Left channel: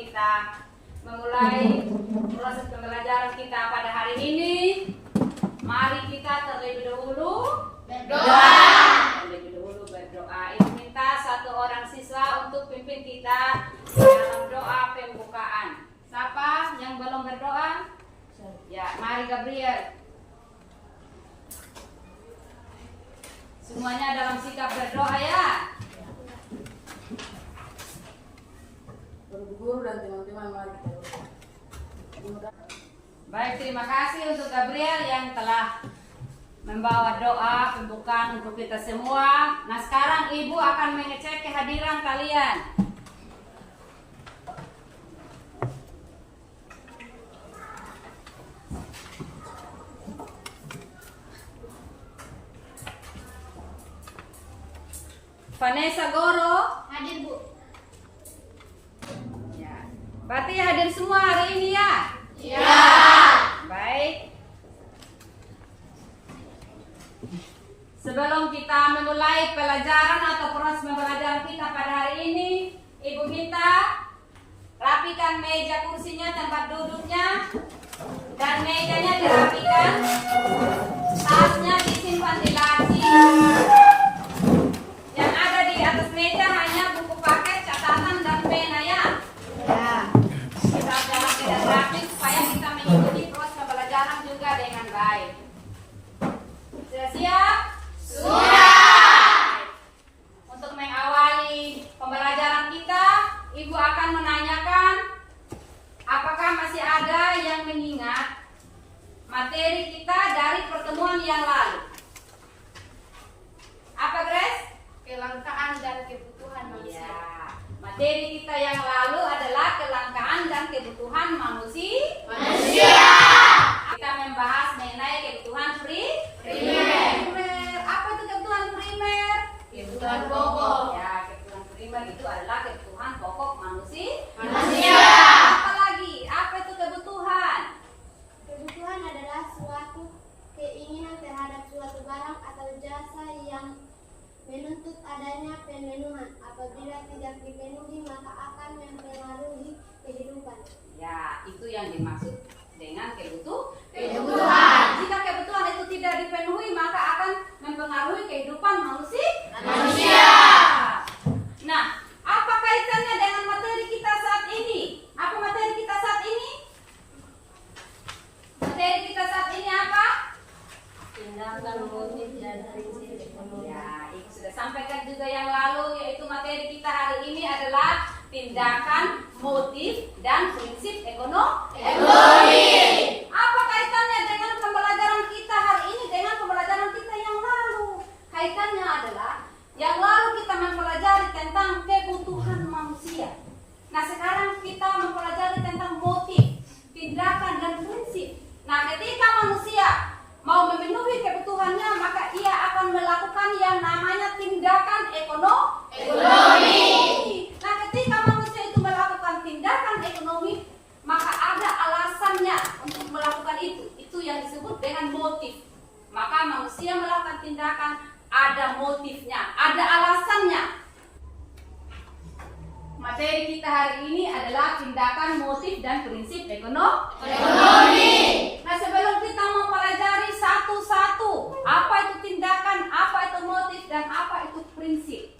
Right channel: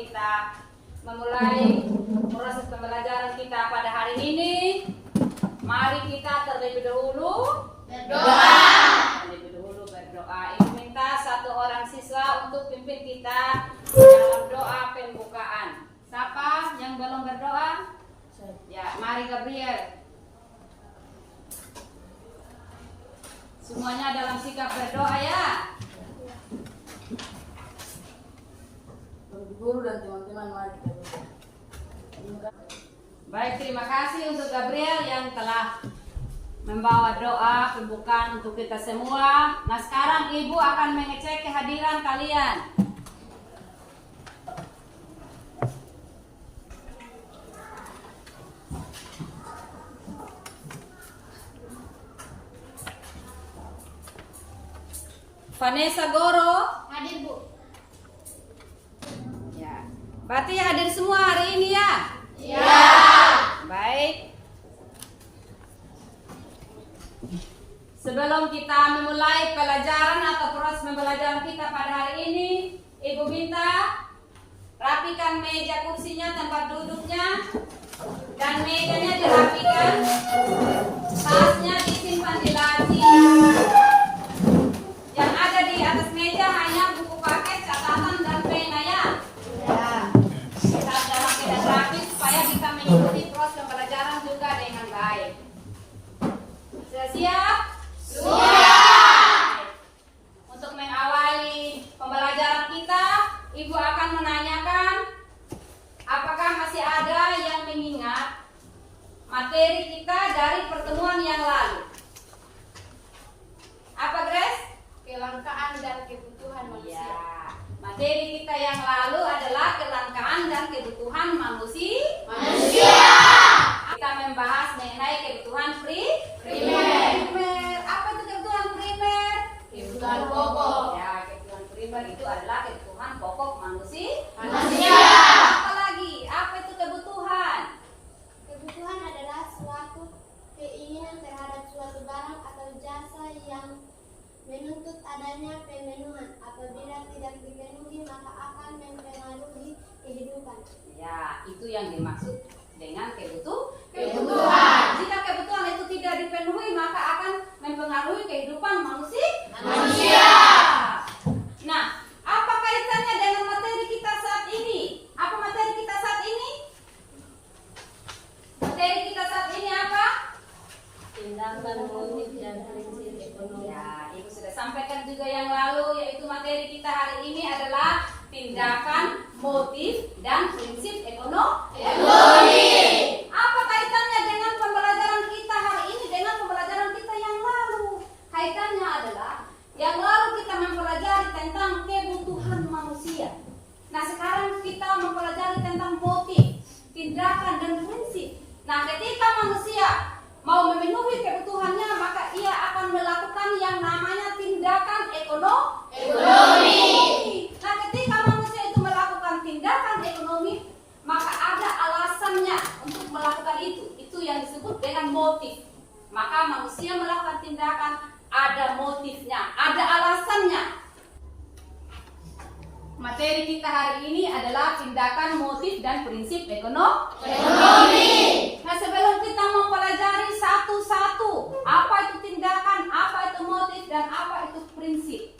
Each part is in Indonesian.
kita memulai proses pembelajaran kita pada hari ini, mari kita terlebih dahulu berdoa. Ibu minta satu orang siswa untuk pimpin kita dalam doa pembukaan. Siapa yang belum berdoa? Ya, mari Gabriel. Semuanya dalam sikap berdoa ya. Guru dan teman-teman, mari kita berdoa. Baik, terima kasih untuk Gabriel yang telah membawa doa pembukaan untuk kita semua. Nah, sekarang Ibu akan mengecek kehadiran kalian. Vanessa Goro Hadir, Bu. ya. Berarti hadir semua hari ini ya? Iya. Baik. Sebelum kita memulai pelajaran atau proses pembelajaran kita pada hari ini, Ibu minta rapikan meja kursinya, tempat duduknya, dan mejanya dirapikan. Tasnya disimpan di laci. Yang ada di atas meja hanya buku paket, catatan, dan pena ya. Kita dalam keadaan rapi supaya kita mengikuti proses pembelajaran juga dengan baik. Sudah siap? Sudah. Untuk mengawali pembelajaran kita, Ibu akan menanyakan apakah masih ada yang mengingat materi kita dari pertemuan yang lalu. Apa, Grace? Kelangkaan dan kebutuhan manusia. Ya, materi kita yang lalu adalah kelangkaan dan kebutuhan manusia. Kita membahas mengenai kebutuhan primer. Apa itu kebutuhan primer? Kebutuhan pokok. Ya, kebutuhan primer itu adalah kebutuhan pokok manusia. Apalagi, apa itu kebutuhan? Kebutuhan adalah suatu keinginan terhadap suatu barang atau jasa yang menuntut adanya pemenuhan. Apabila tidak dipenuhi, maka akan mempengaruhi kehidupan. Ya, itu yang dimaksud dengan Kebutuhan. Jika kebutuhan itu tidak dipenuhi, maka akan mempengaruhi kehidupan manusia. Nah, apa kaitannya dengan materi kita saat ini? Apa materi kita saat ini? Materi kita saat ini apa? Tindakan, motif, dan prinsip ekonomi. Ya, Ibu sudah sampaikan juga yang lalu, yaitu materi kita hari ini adalah tindakan, motif, dan prinsip ekonomi. Apa kaitannya dengan pembelajaran kita hari ini dengan pembelajaran kita yang lalu? Kaitannya adalah yang lalu kita mempelajari tentang kebutuhan manusia. Nah, sekarang kita mempelajari tentang motif, tindakan, dan prinsip. Nah, ketika manusia mau memenuhi kebutuhannya, maka ia akan melakukan yang namanya tindakan ekonomi. Nah, ketika manusia itu melakukan tindakan ekonomi, maka ada alasannya untuk melakukan itu. Itu yang disebut dengan motif. Maka manusia melakukan tindakan, ada motifnya, ada alasannya. Materi kita hari ini adalah tindakan, motif, dan prinsip ekonomi. Nah, sebelum kita mempelajari satu-satu, apa itu tindakan, apa itu motif, dan apa itu prinsip,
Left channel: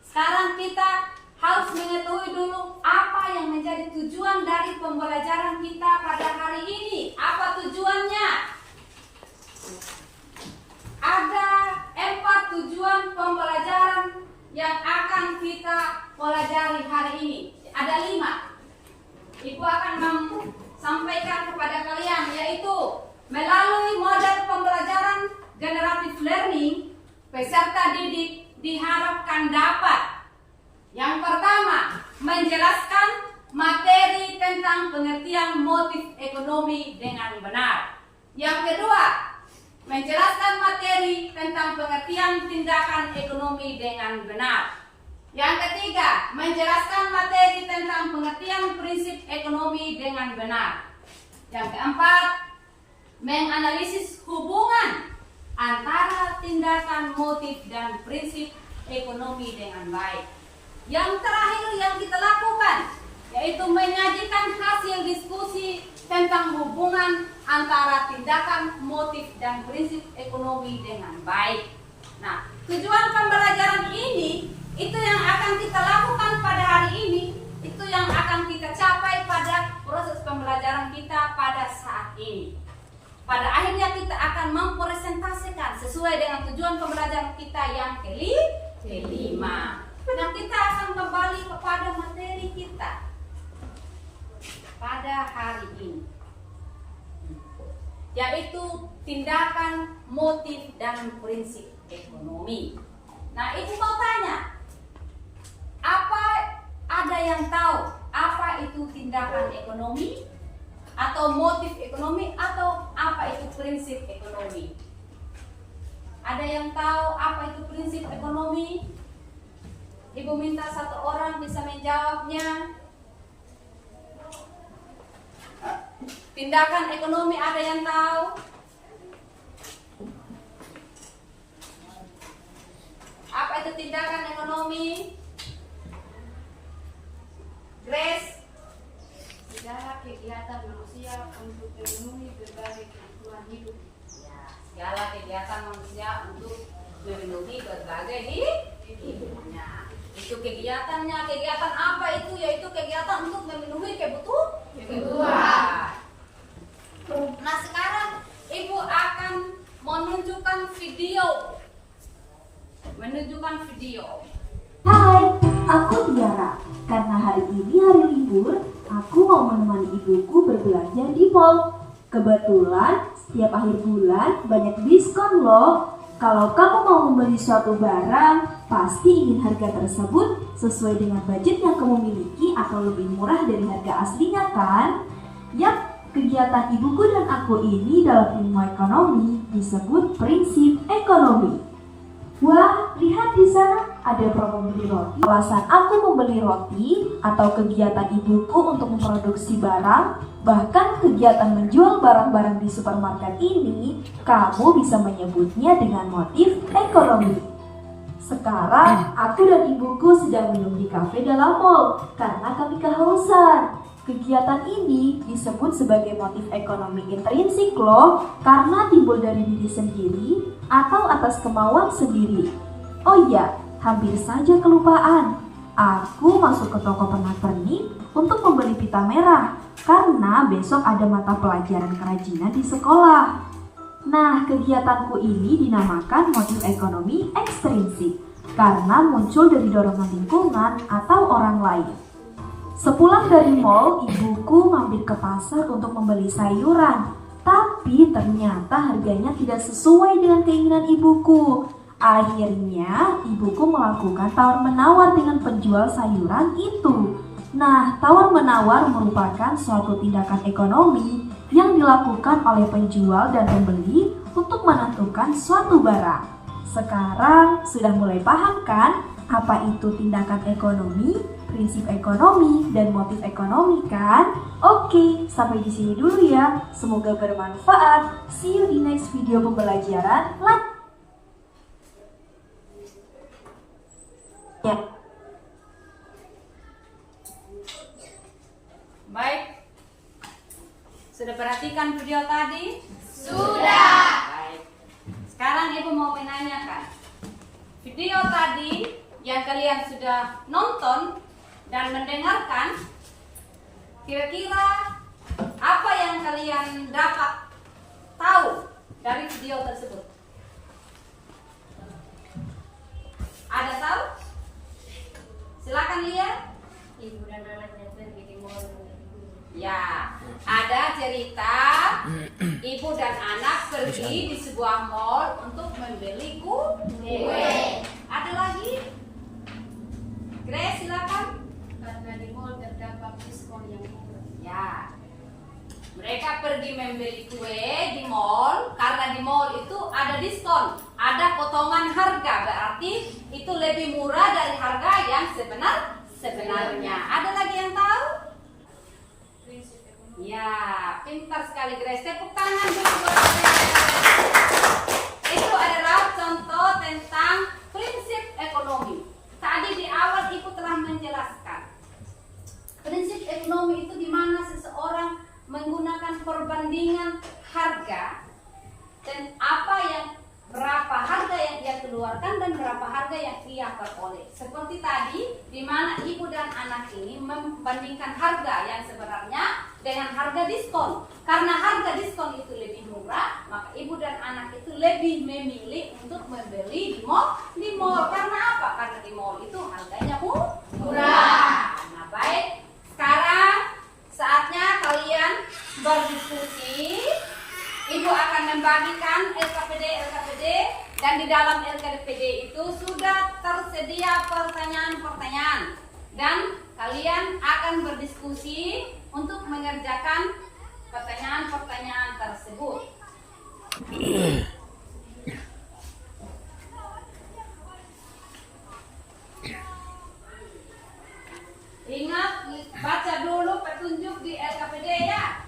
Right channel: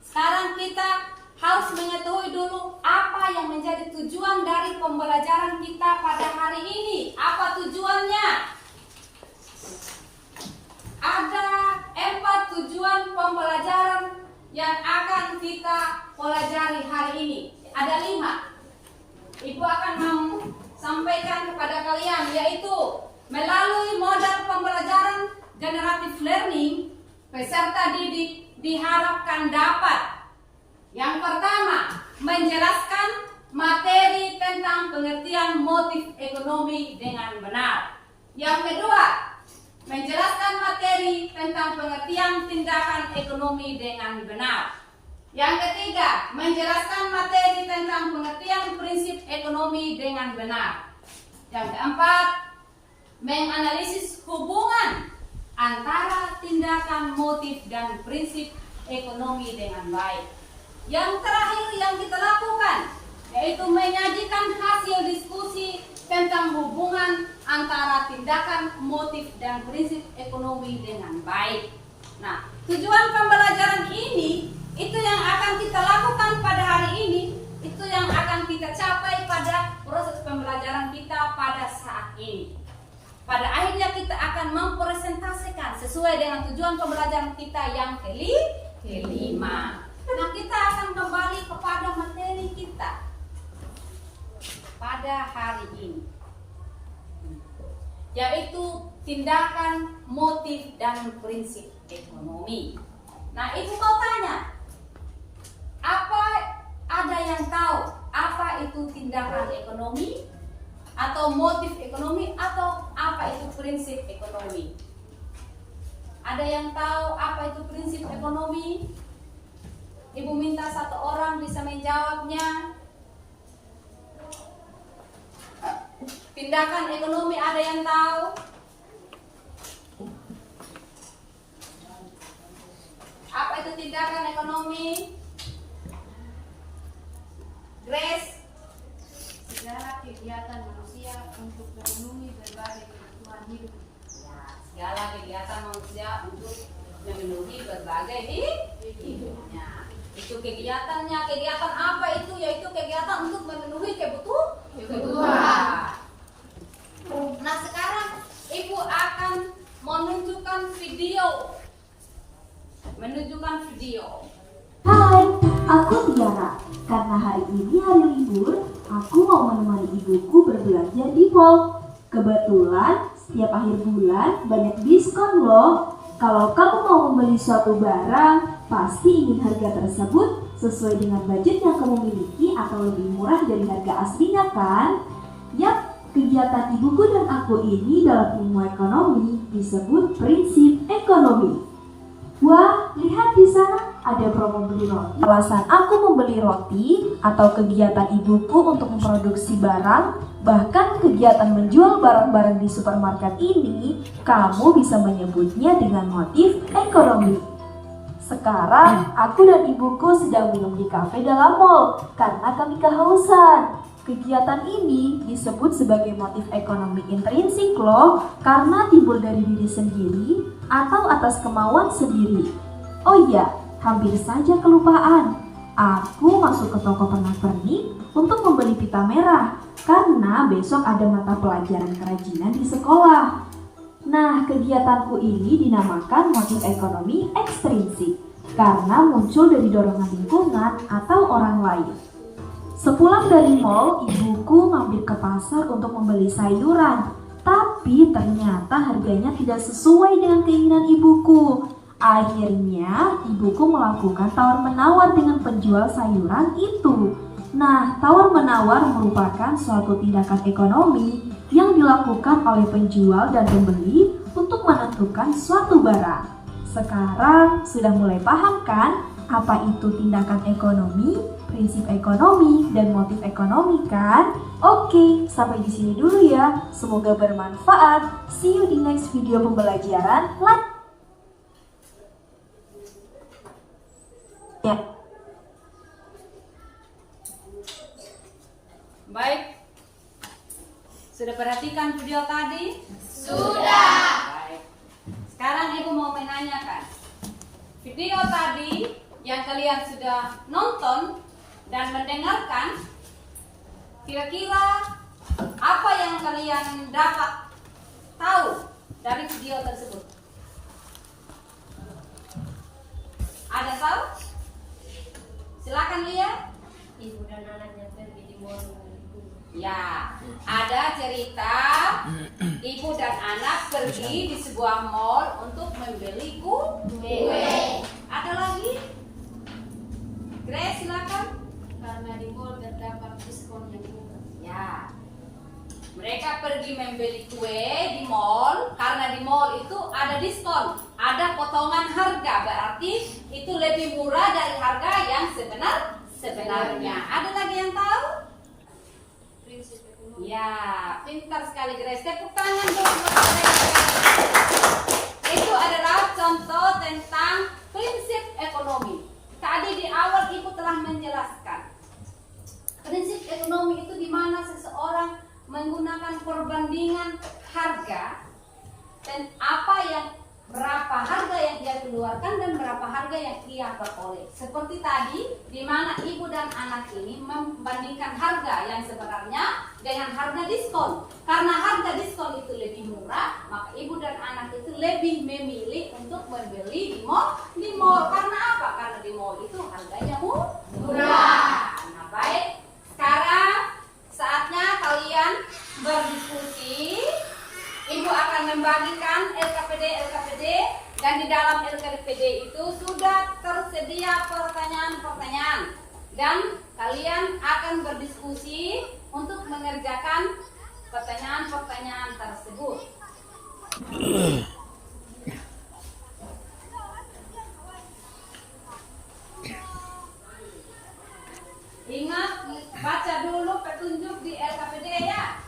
sekarang kita harus mengetahui dulu apa yang menjadi tujuan dari pembelajaran kita pada hari ini. Apa tujuannya? Ada 4 tujuan pembelajaran yang akan kita pelajari hari ini. Ada 5. Ibu akan sampaikan kepada kalian, yaitu melalui model pembelajaran generative learning, peserta didik diharapkan dapat: yang pertama, menjelaskan materi tentang pengertian motif ekonomi dengan benar. Yang kedua, menjelaskan materi tentang pengertian tindakan ekonomi dengan benar. Yang ketiga, menjelaskan materi tentang pengertian prinsip ekonomi dengan benar. Yang keempat, menganalisis hubungan antara tindakan, motif, dan prinsip ekonomi dengan baik. Yang terakhir yang kita lakukan yaitu tentang hubungan antara tindakan, motif, dan prinsip ekonomi dengan baik. Nah, tujuan pembelajaran ini, itu yang akan kita lakukan pada hari ini, itu yang akan kita capai pada proses pembelajaran kita pada saat ini. Pada akhirnya kita akan mempresentasikan sesuai dengan tujuan pembelajaran kita yang kelima. Nah, kita akan kembali kepada materi kita pada hari ini, yaitu tindakan, motif, dan prinsip ekonomi. Nah, ibu mau tanya, apa ada yang tahu apa itu tindakan ekonomi, atau motif ekonomi, atau apa itu prinsip ekonomi? Ada yang tahu apa itu prinsip ekonomi? Ibu minta satu orang bisa menjawabnya. Tindakan ekonomi ada yang tahu? Apa itu tindakan ekonomi? Grace? Segala kegiatan manusia untuk memenuhi berbagai kebutuhan hidup. Ya, segala kegiatan manusia untuk memenuhi berbagai hidupnya. Itu kegiatannya. Kegiatan apa itu? Yaitu kegiatan untuk memenuhi kebutuhan. Nah, sekarang ibu akan menunjukkan video. Hai, aku Tiara. Karena hari ini hari libur, aku mau menemani ibuku berbelanja di mall. Kebetulan, setiap akhir bulan banyak diskon loh. Kalau kamu mau membeli suatu barang, pasti ingin harga tersebut sesuai dengan budget yang kamu miliki atau lebih murah dari harga aslinya kan? Yap, kegiatan ibuku dan aku ini dalam ilmu ekonomi disebut prinsip ekonomi. Wah, lihat di sana ada promo beli roti. Alasan aku membeli roti atau kegiatan ibuku untuk memproduksi barang, bahkan kegiatan menjual barang-barang di supermarket ini, kamu bisa menyebutnya dengan motif ekonomi. Sekarang, aku dan ibuku sedang minum di kafe dalam mall karena kami kehausan. Kegiatan ini disebut sebagai motif ekonomi intrinsik loh, karena timbul dari diri sendiri atau atas kemauan sendiri. Oh iya, hampir saja kelupaan. Aku masuk ke toko pernak-pernik untuk membeli pita merah karena besok ada mata pelajaran kerajinan di sekolah. Nah, kegiatanku ini dinamakan motif ekonomi ekstrinsik karena muncul dari dorongan lingkungan atau orang lain. Sepulang dari mall, ibuku mampir ke pasar untuk membeli sayuran. Tapi ternyata harganya tidak sesuai dengan keinginan ibuku. Akhirnya, ibuku melakukan tawar-menawar dengan penjual sayuran itu. Nah, tawar-menawar merupakan suatu tindakan ekonomi yang dilakukan oleh penjual dan pembeli untuk menentukan suatu barang. Sekarang sudah mulai paham kan apa itu tindakan ekonomi, prinsip ekonomi, dan motif ekonomi kan? Oke, sampai di sini dulu ya. Semoga bermanfaat. See you di next video pembelajaran. Ya. Baik. Sudah perhatikan video tadi? Sudah. Baik. Sekarang ibu mau menanyakan. Video tadi yang kalian sudah nonton dan mendengarkan, kira-kira apa yang kalian dapat tahu dari video tersebut? Ada tahu? Silakan lihat. Ibu dan anaknya pergi di mall membeli kue. Ya, ada cerita ibu dan anak pergi di sebuah mall untuk membeli kue. Ada lagi? Grace, silakan. Karena di mall terdapat diskon yang murah. Ya, mereka pergi membeli kue di mall karena di mall itu ada diskon, ada potongan harga, berarti itu lebih murah dari harga yang sebenarnya. Ada lagi yang tahu? Prinsip ekonomi. Ya, pintar sekali Grace. Tepuk tangan dulu buat Grace. Itu adalah contoh tentang prinsip ekonomi. Tadi di awal ibu telah menjelaskan prinsip ekonomi itu di mana seseorang menggunakan perbandingan harga dan berapa harga yang ia keluarkan dan berapa harga yang ia peroleh. Seperti tadi, di mana ibu dan anak ini membandingkan harga yang sebenarnya dengan harga diskon. Karena harga diskon itu lebih murah, maka ibu dan anak itu lebih memilih untuk membeli di mall. Karena apa? Karena di mall itu harganya murah. Nah, baik. Sekarang saatnya kalian berdiskusi. Ibu akan membagikan LKPD dan di dalam LKPD itu sudah tersedia pertanyaan-pertanyaan dan kalian akan berdiskusi untuk mengerjakan pertanyaan-pertanyaan tersebut. Ingat, baca dulu petunjuk di LKPD ya.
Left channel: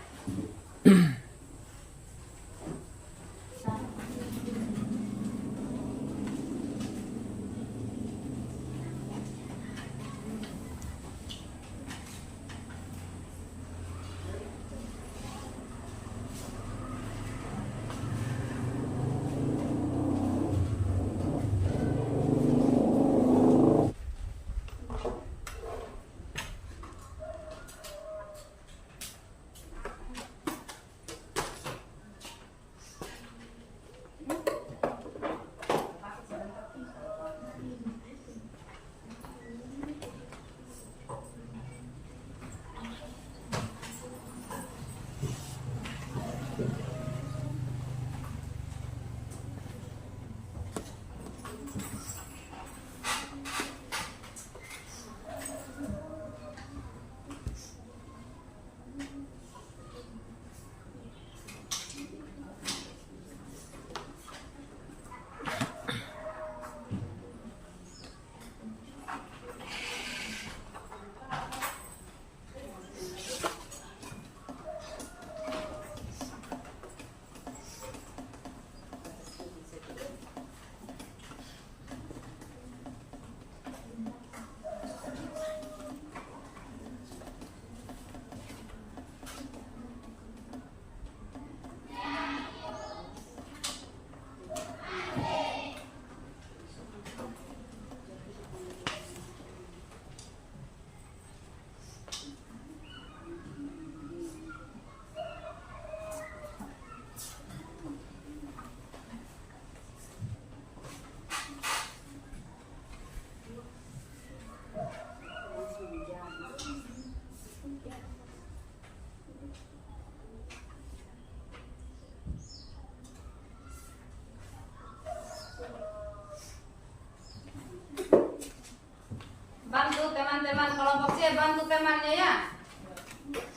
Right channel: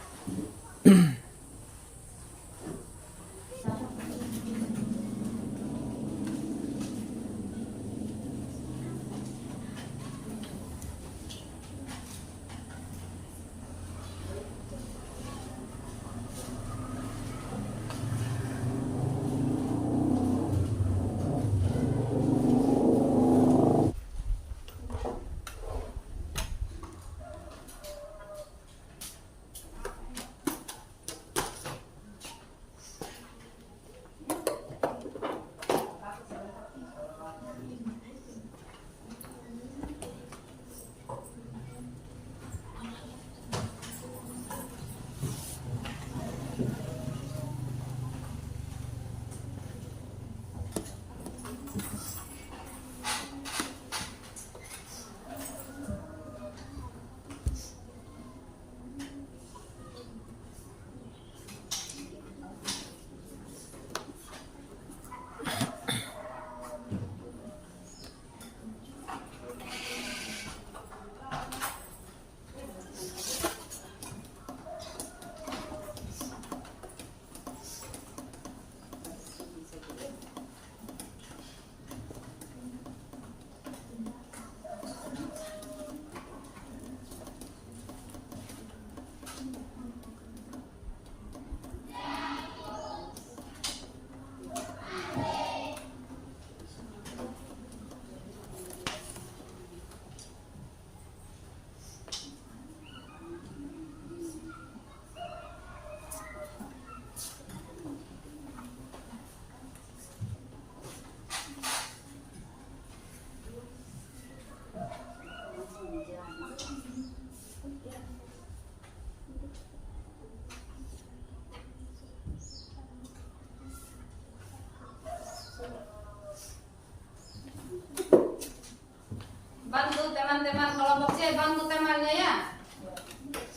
Bantu teman-teman kelompok C, bantu temannya ya.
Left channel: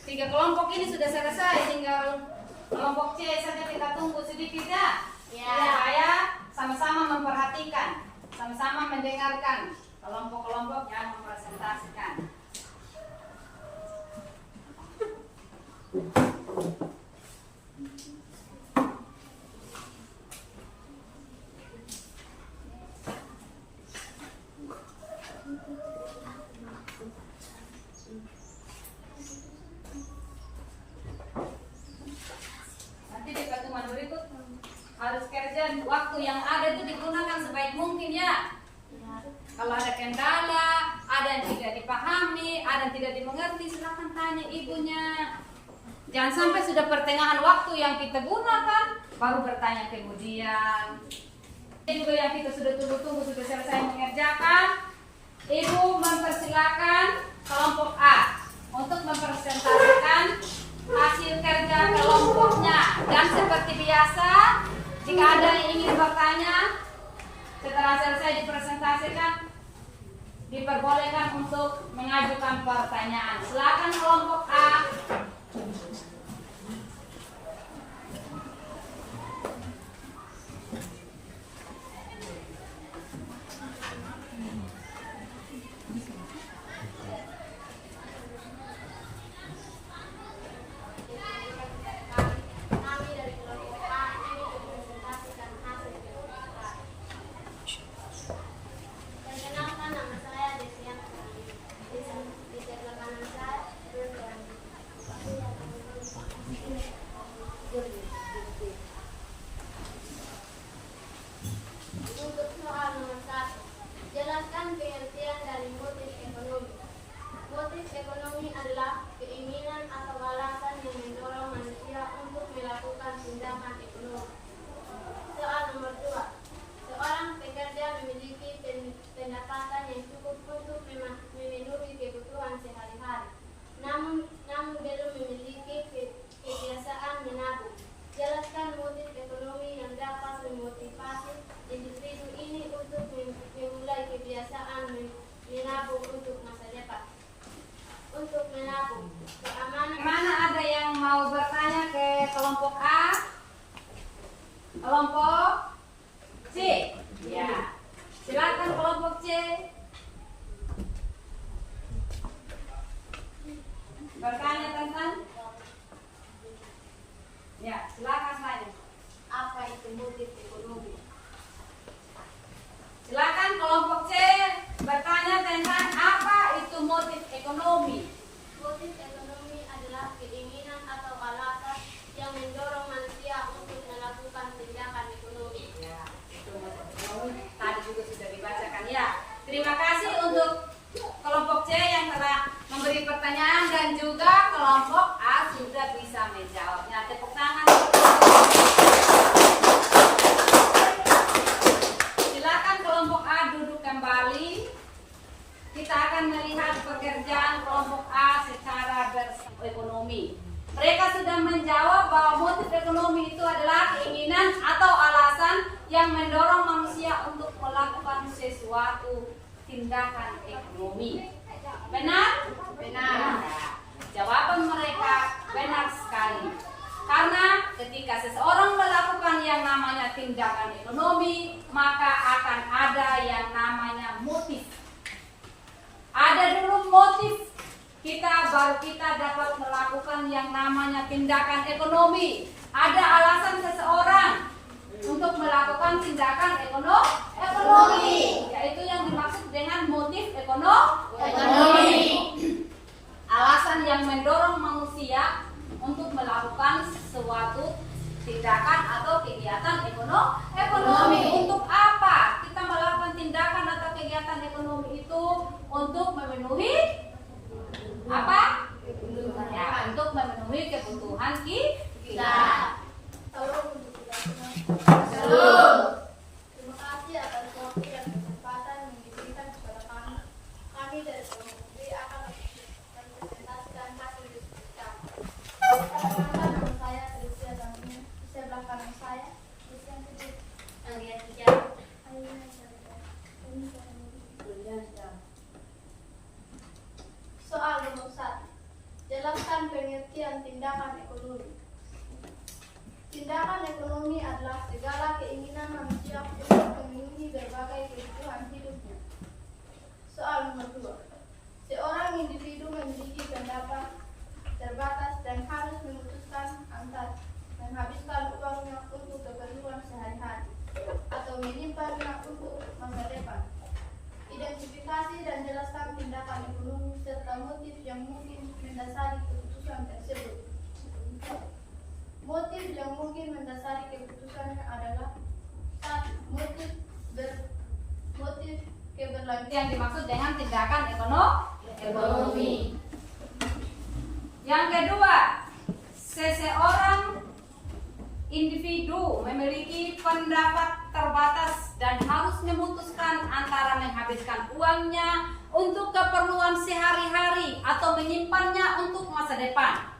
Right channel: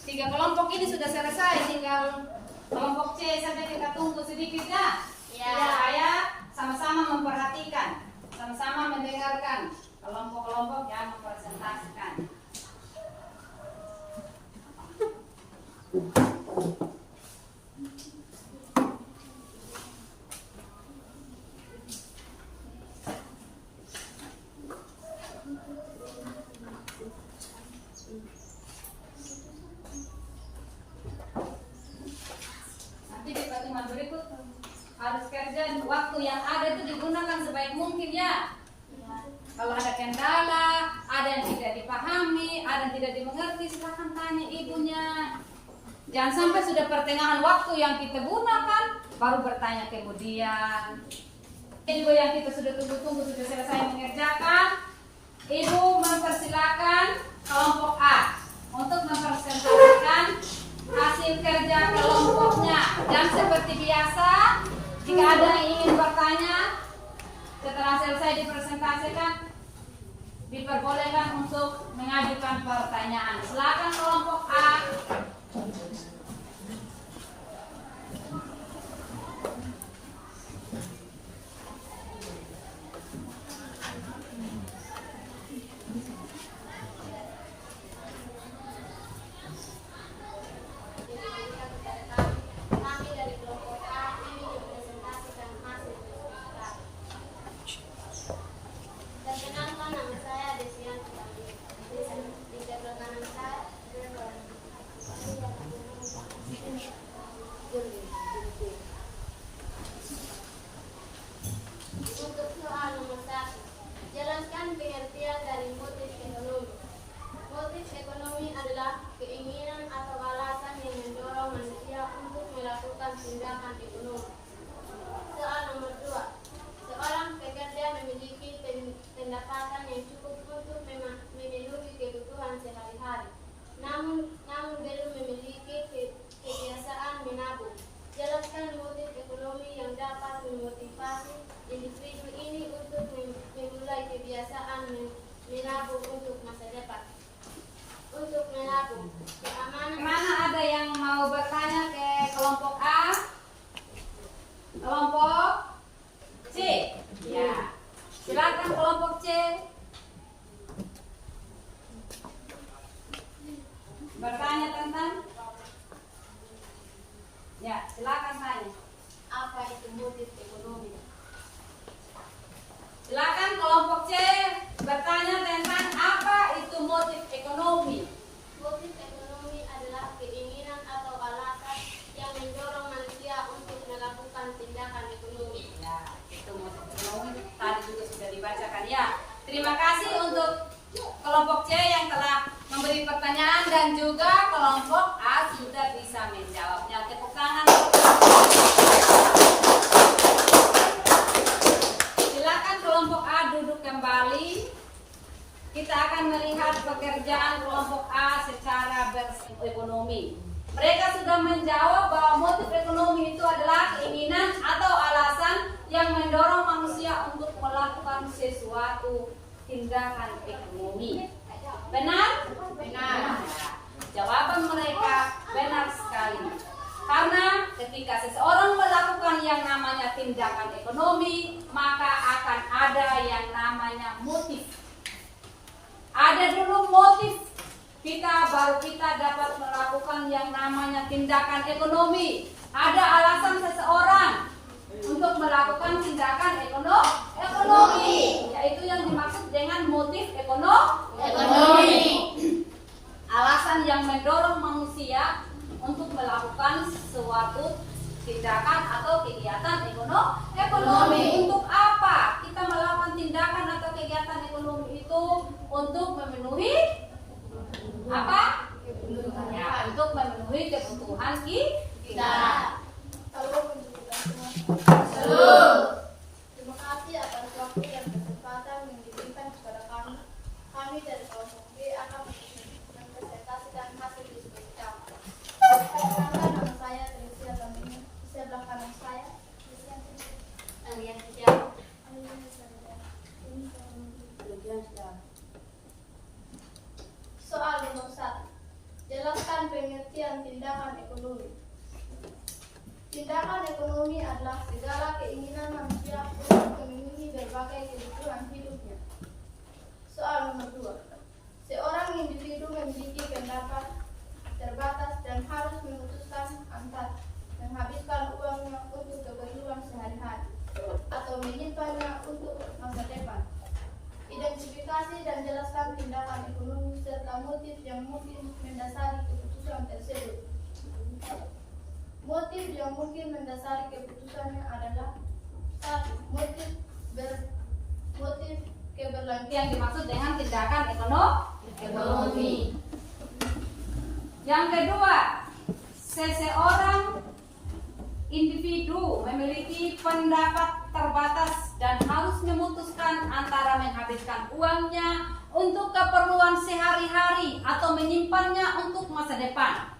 3 kelompok ini sudah selesai, tinggal kelompok C saja kita tunggu sedikit ya. Supaya sama-sama memperhatikan, sama-sama mendengarkan kelompok-kelompok yang mempresentasikan. Nanti di pertemuan berikut harus kerja, waktu yang ada itu digunakan sebaik mungkin ya. Kalau ada kendala, ada yang tidak dipahami, ada yang tidak dimengerti, silahkan tanya ibunya. Jangan sampai sudah pertengahan waktu yang kita gunakan baru bertanya kemudian. Ibu yang kita sudah tunggu-tunggu sudah selesai mengerjakan. Ibu mempersilakan kelompok A untuk mempresentasikan hasil kerja kelompoknya. Dan seperti biasa, jika ada yang ingin bertanya setelah selesai dipresentasikan, diperbolehkan untuk mengajukan pertanyaan. Silakan kelompok A. Kami dari kelompok A ingin mempresentasikan hasil resultat. Perkenalkan, nama saya Desian Putami. Di sebelah kanan saya Bruno. bertanya tentang? Ya, silakan tanya. Apa itu motif ekonomi? Silakan kelompok C bertanya tentang apa itu motif ekonomi. Motif ekonomi adalah keinginan atau alasan yang mendorong manusia untuk melakukan tindakan ekonomi. Ya, itu motif ekonomi tadi juga sudah dibacakan ya. Terima kasih untuk kelompok C yang telah memberi pertanyaan dan juga kelompok A sudah bisa menjawabnya. Tepuk tangan. Silakan kelompok A duduk kembali. Kita akan melihat pekerjaan kelompok A secara berekonomi. Mereka sudah menjawab bahwa motif ekonomi itu adalah keinginan atau alasan yang mendorong manusia untuk melakukan sesuatu tindakan ekonomi. Benar? Benar. Jawaban mereka benar sekali. Karena ketika seseorang melakukan yang namanya tindakan ekonomi, maka akan ada yang namanya motif. Ada dulu motif baru kita dapat melakukan yang namanya tindakan ekonomi. Ada alasan seseorang untuk melakukan tindakan ekonomi, yaitu yang dimaksud dengan motif ekonomi. Alasan yang mendorong manusia untuk melakukan suatu tindakan atau kegiatan ekonomi. Untuk apa kita melakukan tindakan atau kegiatan ekonomi itu? Untuk memenuhi apa? Ya, untuk memenuhi kebutuhan kita. Terima kasih atas waktu dan kesempatan yang diberikan kepada kami. Kami dari kelompok B akan mempresentasikan hasil diskusi kami. Perkenalkan, nama saya Tricia Zamini. Di sebelah kanan saya, Tricia Zamini. Alias Tiara. Soal demo 1. Jelaskan pengertian tindakan ekonomi. Tindakan ekonomi adalah segala keinginan manusia untuk memenuhi berbagai kebutuhan hidupnya. Soal nomor 2. Seorang individu memiliki pendapat terbatas dan harus memutuskan antara menghabiskan uangnya untuk keperluan sehari-hari atau menyimpannya untuk masa depan. Identifikasi dan jelaskan tindakan ekonomi serta motif yang mungkin mendasari keputusan tersebut. Motif yang mungkin mendasari keputusannya adalah 1. Motif keberlanjutan. Yang dimaksud dengan tindakan ekonomi. Yang kedua, seseorang individu memiliki pendapat terbatas dan harus memutuskan antara menghabiskan uangnya untuk keperluan sehari-hari atau menyimpannya untuk masa depan.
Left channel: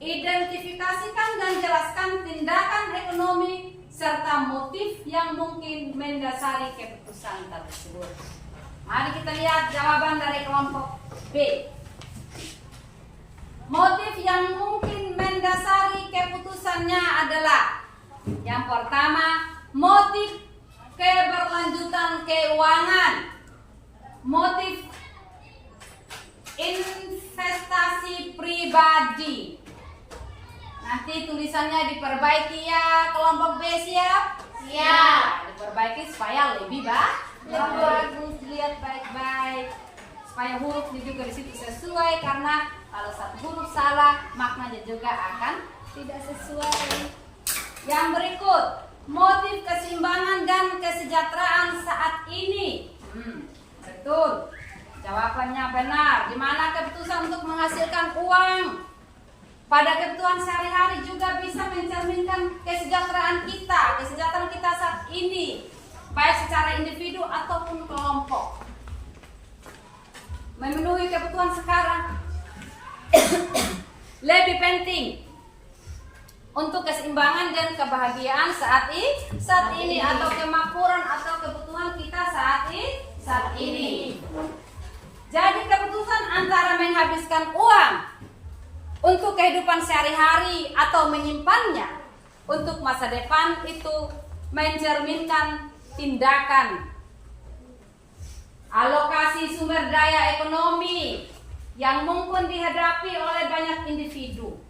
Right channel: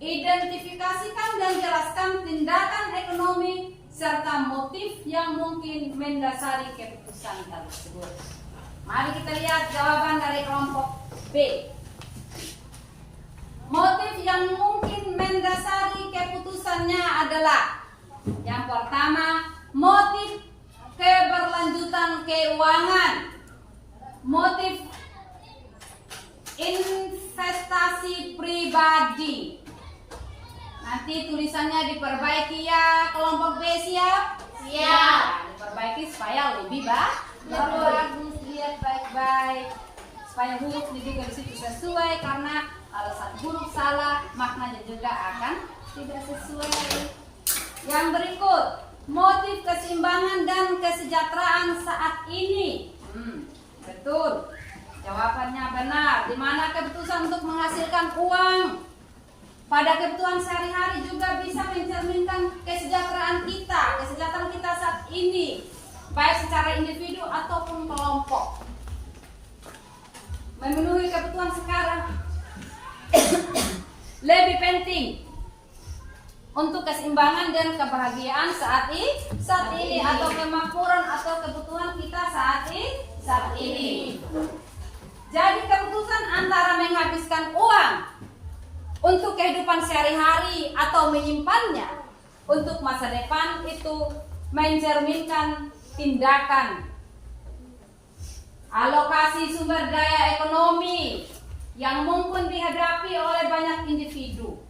Identifikasikan dan jelaskan tindakan ekonomi serta motif yang mungkin mendasari keputusan tersebut. Mari kita lihat jawaban dari kelompok B. Motif yang mungkin mendasari keputusannya adalah yang pertama, motif keberlanjutan keuangan, motif investasi pribadi. Nanti tulisannya diperbaiki ya, kelompok B siap? Siap. Diperbaiki supaya lebih bagus, lihat baik-baik, supaya hurufnya juga di situ sesuai, karena kalau satu huruf salah maknanya juga akan tidak sesuai. Yang berikut, motif keseimbangan dan kesejahteraan saat ini. Betul, jawabannya benar. Di mana keputusan untuk menghasilkan uang pada kebutuhan sehari-hari juga bisa mencerminkan kesejahteraan kita saat ini, baik secara individu ataupun kelompok. Memenuhi kebutuhan sekarang lebih penting untuk keseimbangan dan kebahagiaan saat ini atau kemakmuran atau kebutuhan kita saat ini. Jadi keputusan antara menghabiskan uang untuk kehidupan sehari-hari atau menyimpannya untuk masa depan itu mencerminkan tindakan alokasi sumber daya ekonomi yang mungkin dihadapi oleh banyak individu.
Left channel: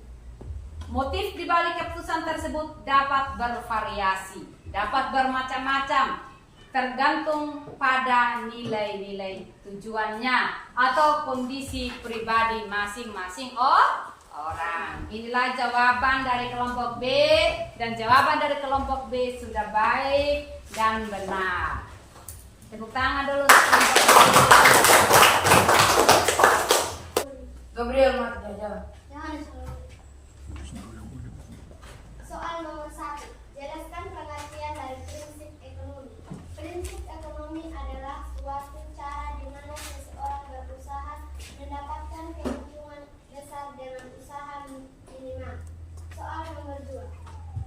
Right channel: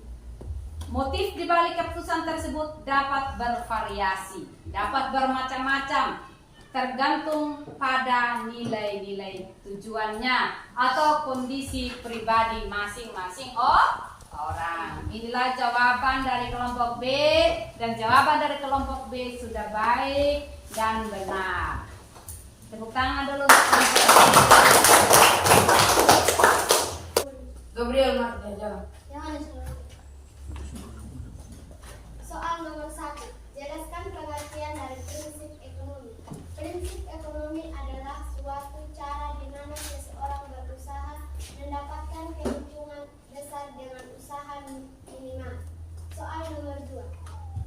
Motif di balik keputusan tersebut dapat bervariasi, dapat bermacam-macam, tergantung pada nilai-nilai tujuannya atau kondisi pribadi masing-masing orang. Inilah jawaban dari kelompok B, dan jawaban dari kelompok B sudah baik dan benar. Tepuk tangan dulu. Gabriel Martin jalan. Yohanes Soal nomor 1. Jelaskan pengertian dari prinsip ekonomi. Prinsip ekonomi adalah suatu cara di mana seseorang berusaha mendapatkan keuntungan besar dengan usaha minimal. Soal nomor 2.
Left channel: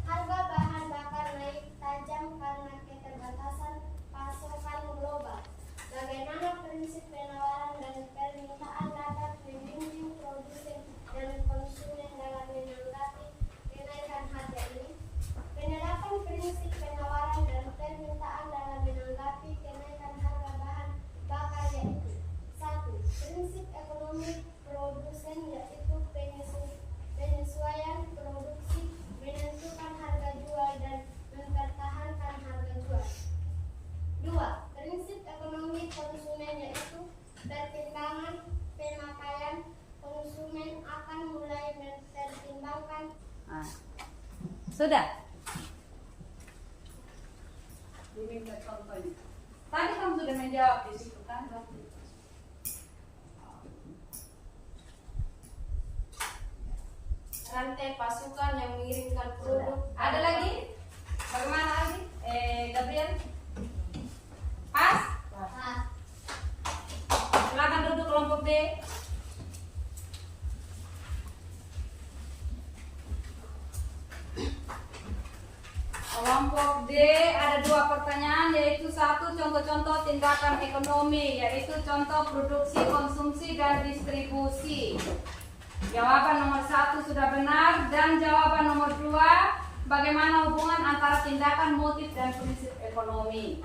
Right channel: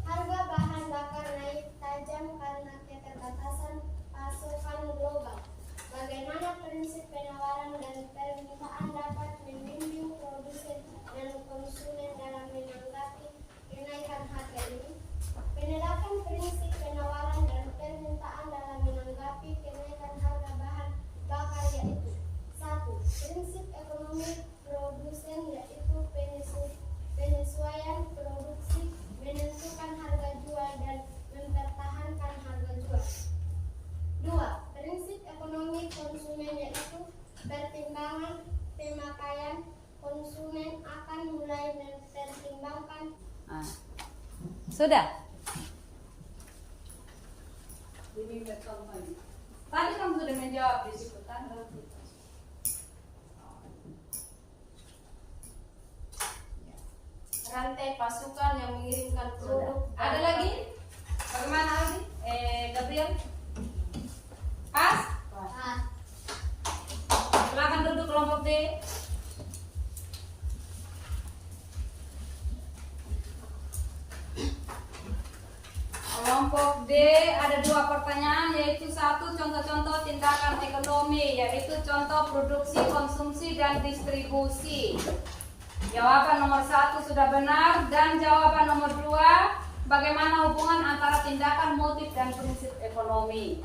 Harga bahan bakar naik tajam karena keterbatasan pasokan global. Bagaimana prinsip penawaran dan permintaan dapat membimbing produsen dan konsumen dalam menanggapi kenaikan harga ini? Penerapan prinsip penawaran dan permintaan dalam menanggapi kenaikan harga bahan bakar yaitu: 1. Prinsip ekonomi produsen yaitu penyesuaian produksi, menentukan harga jual dan mempertahankan harga jual. 2. Prinsip ekonomi konsumen yaitu pertimbangan pemakaian. Konsumen akan mulai mempertimbangkan. Sudah? Diminta contohnya. Tadi kamu sudah menjawab di situ kan? Rantai pasukan yang mengirimkan produk. Ada lagi? Bagaimana lagi? Gabriel? Pas? Silakan duduk kelompok D. Kelompok D ada 2 pertanyaan, yaitu 1 contoh-contoh tindakan ekonomi, yaitu contoh produksi, konsumsi, dan distribusi. Jawaban nomor 1 sudah benar, dan jawaban nomor 2, bagaimana hubungan antara tindakan, motif, dan prinsip ekonomi.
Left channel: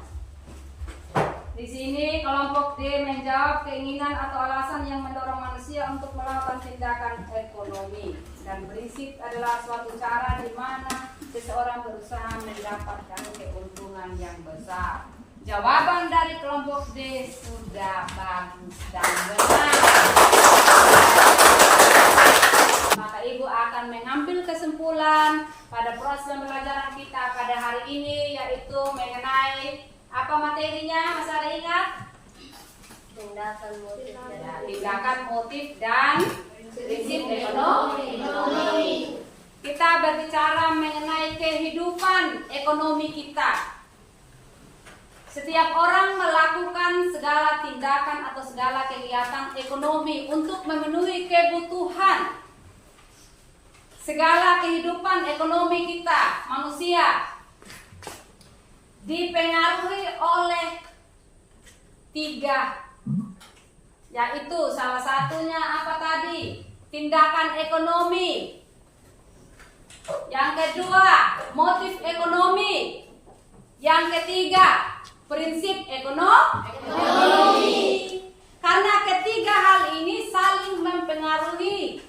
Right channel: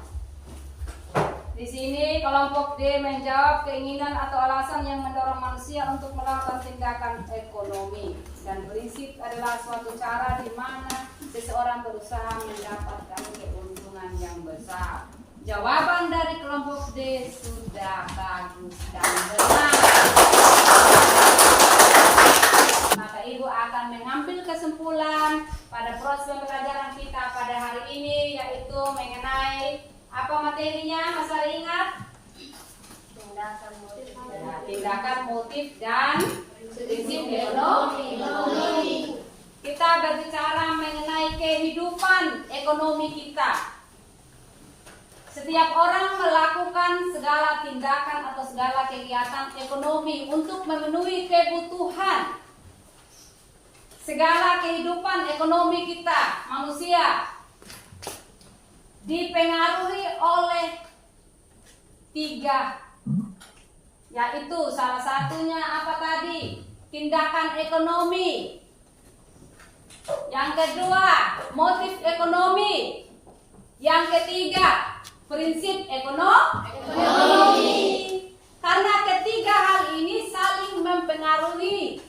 Di sini kelompok D menjawab keinginan atau alasan yang mendorong manusia untuk melakukan tindakan ekonomi, dan prinsip adalah suatu cara di mana seseorang berusaha mendapatkan keuntungan yang besar. Jawaban dari kelompok D sudah bagus dan benar. Maka Ibu akan mengambil kesimpulan pada proses pembelajaran kita pada hari ini, yaitu mengenai apa materinya? Mas Ari ingat? Tindakan, motif, dan prinsip ekonomi. Kita berbicara mengenai kehidupan ekonomi kita. Setiap orang melakukan segala tindakan atau segala kegiatan ekonomi untuk memenuhi kebutuhan. Segala kehidupan ekonomi kita, manusia, dipengaruhi oleh 3, yaitu salah satunya apa tadi? Tindakan ekonomi. Yang kedua, motif ekonomi. Yang ketiga, prinsip ekonomi. Karena ketiga hal ini saling mempengaruhi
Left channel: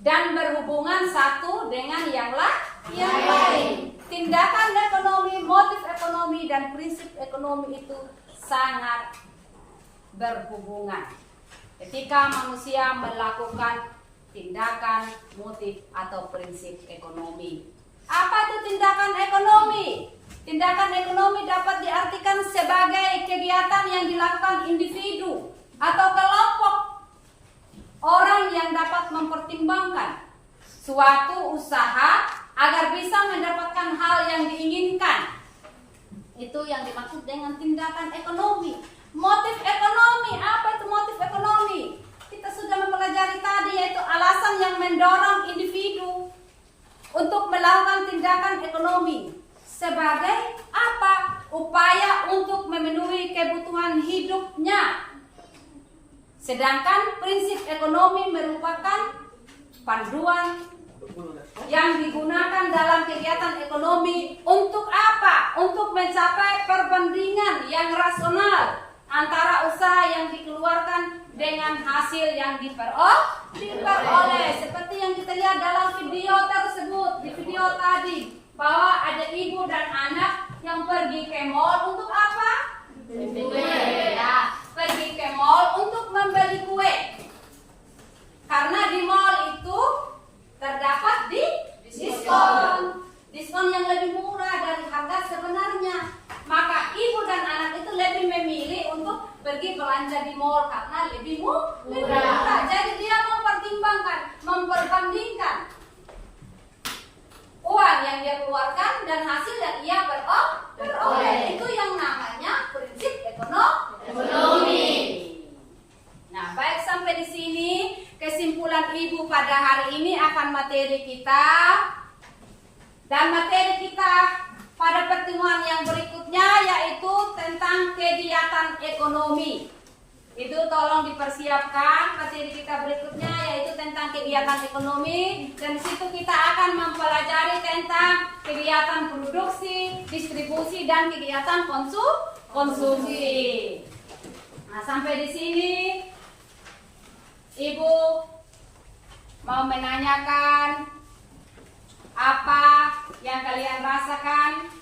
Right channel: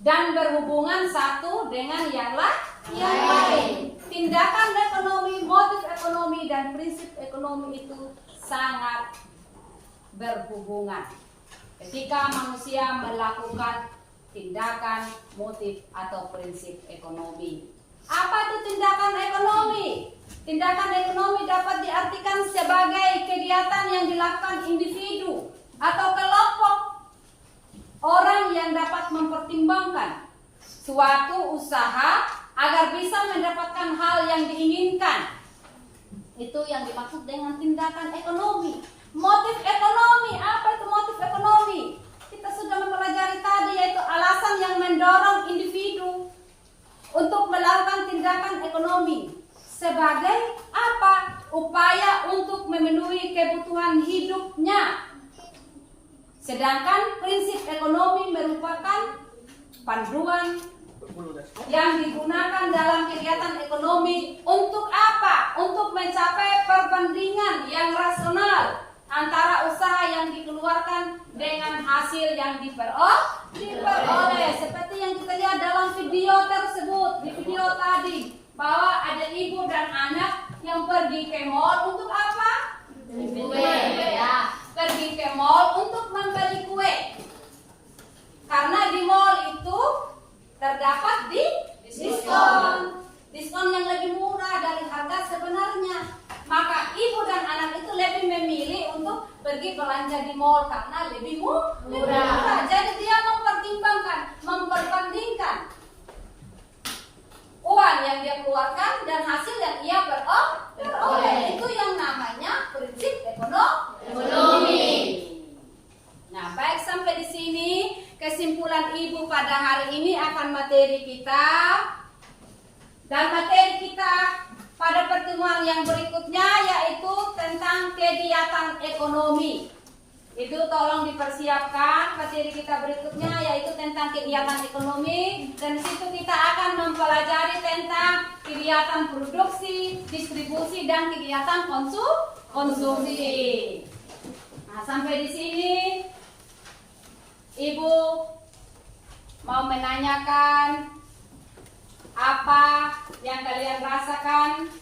dan berhubungan satu dengan yang lain. Tindakan ekonomi, motif ekonomi, dan prinsip ekonomi itu sangat berhubungan ketika manusia melakukan tindakan, motif, atau prinsip ekonomi. Apa itu tindakan ekonomi? Tindakan ekonomi dapat diartikan sebagai kegiatan yang dilakukan individu atau kelompok orang yang dapat mempertimbangkan suatu usaha agar bisa mendapatkan hal yang diinginkan. Itu yang dimaksud dengan tindakan ekonomi. Motif ekonomi, apa itu motif ekonomi? Kita sudah mempelajari tadi, yaitu alasan yang mendorong individu untuk melakukan tindakan ekonomi sebagai apa? Upaya untuk memenuhi kebutuhan hidupnya. Sedangkan prinsip ekonomi merupakan panduan yang digunakan dalam kegiatan ekonomi untuk apa? Untuk mencapai perbandingan yang rasional antara usaha yang dikeluarkan dengan hasil yang diperoleh. Seperti yang kita lihat dalam video tersebut, di video tadi, bahwa ada ibu dan anak yang pergi ke mall untuk apa? Kue. Ya, pergi ke mall untuk membeli kue. Karena di mall itu terdapat diskon yang lebih murah dari harga sebenarnya. Maka ibu dan anak itu lebih memilih untuk pergi belanja di mall karena lebih murah. Jadi dia memperbandingkan uang yang dia keluarkan dan hasil yang ia peroleh. Itu yang namanya prinsip ekonomi. Nah, baik, sampai di sini kesimpulan ibu pada hari ini akan materi kita. Dan materi kita pada pertemuan yang berikutnya yaitu tentang kegiatan ekonomi. Itu tolong dipersiapkan materi kita berikutnya yaitu tentang kegiatan ekonomi, dan di situ kita akan mempelajari tentang kegiatan produksi, distribusi, dan kegiatan konsumsi. Nah, sampai di sini Ibu mau menanyakan apa yang kalian rasakan,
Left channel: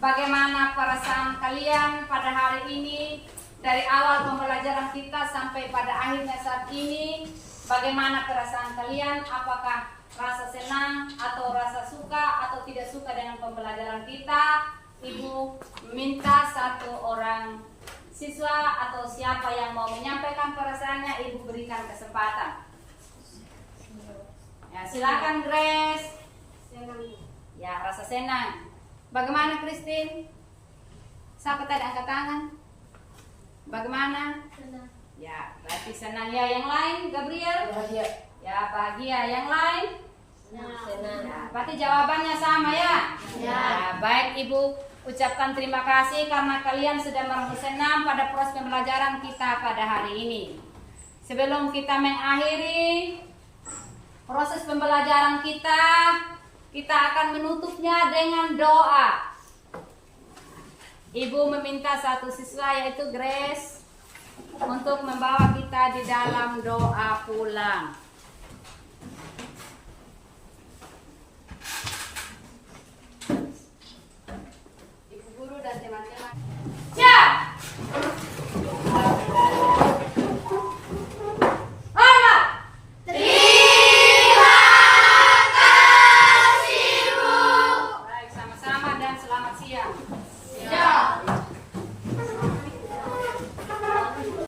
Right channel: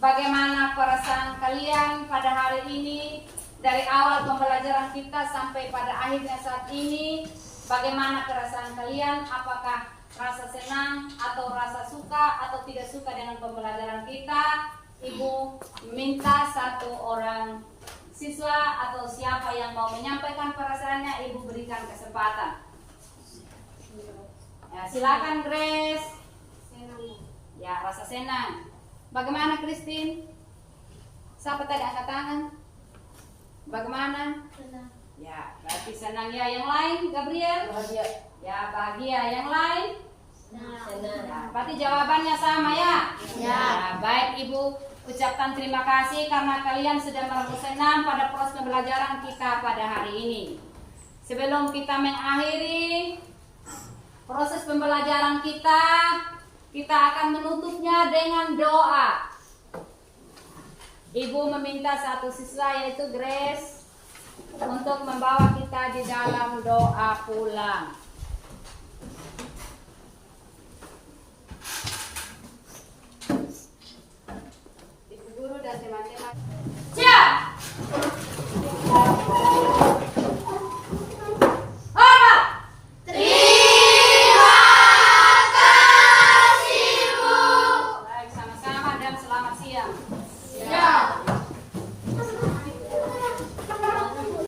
bagaimana perasaan kalian pada hari ini, dari awal pembelajaran kita sampai pada akhirnya saat ini. Bagaimana perasaan kalian? Apakah rasa senang atau rasa suka atau tidak suka dengan pembelajaran kita? Ibu minta satu orang siswa atau siapa yang mau menyampaikan perasaannya, Ibu berikan kesempatan. Ya, silakan Grace. Ya, rasa senang. Bagaimana Christine? Siapa tadi angkat tangan? Bagaimana? Senang. Ya, berarti senang ya. Yang lain, Gabriel? Bahagia. Ya, bahagia. Yang lain? Senang. Ya, berarti jawabannya sama ya? Ya. Baik, Ibu ucapkan terima kasih karena kalian sudah merasa senang pada proses pembelajaran kita pada hari ini. Sebelum kita mengakhiri proses pembelajaran kita akan menutupnya dengan doa. Ibu meminta satu siswa yaitu Grace untuk membawa kita di dalam doa pulang.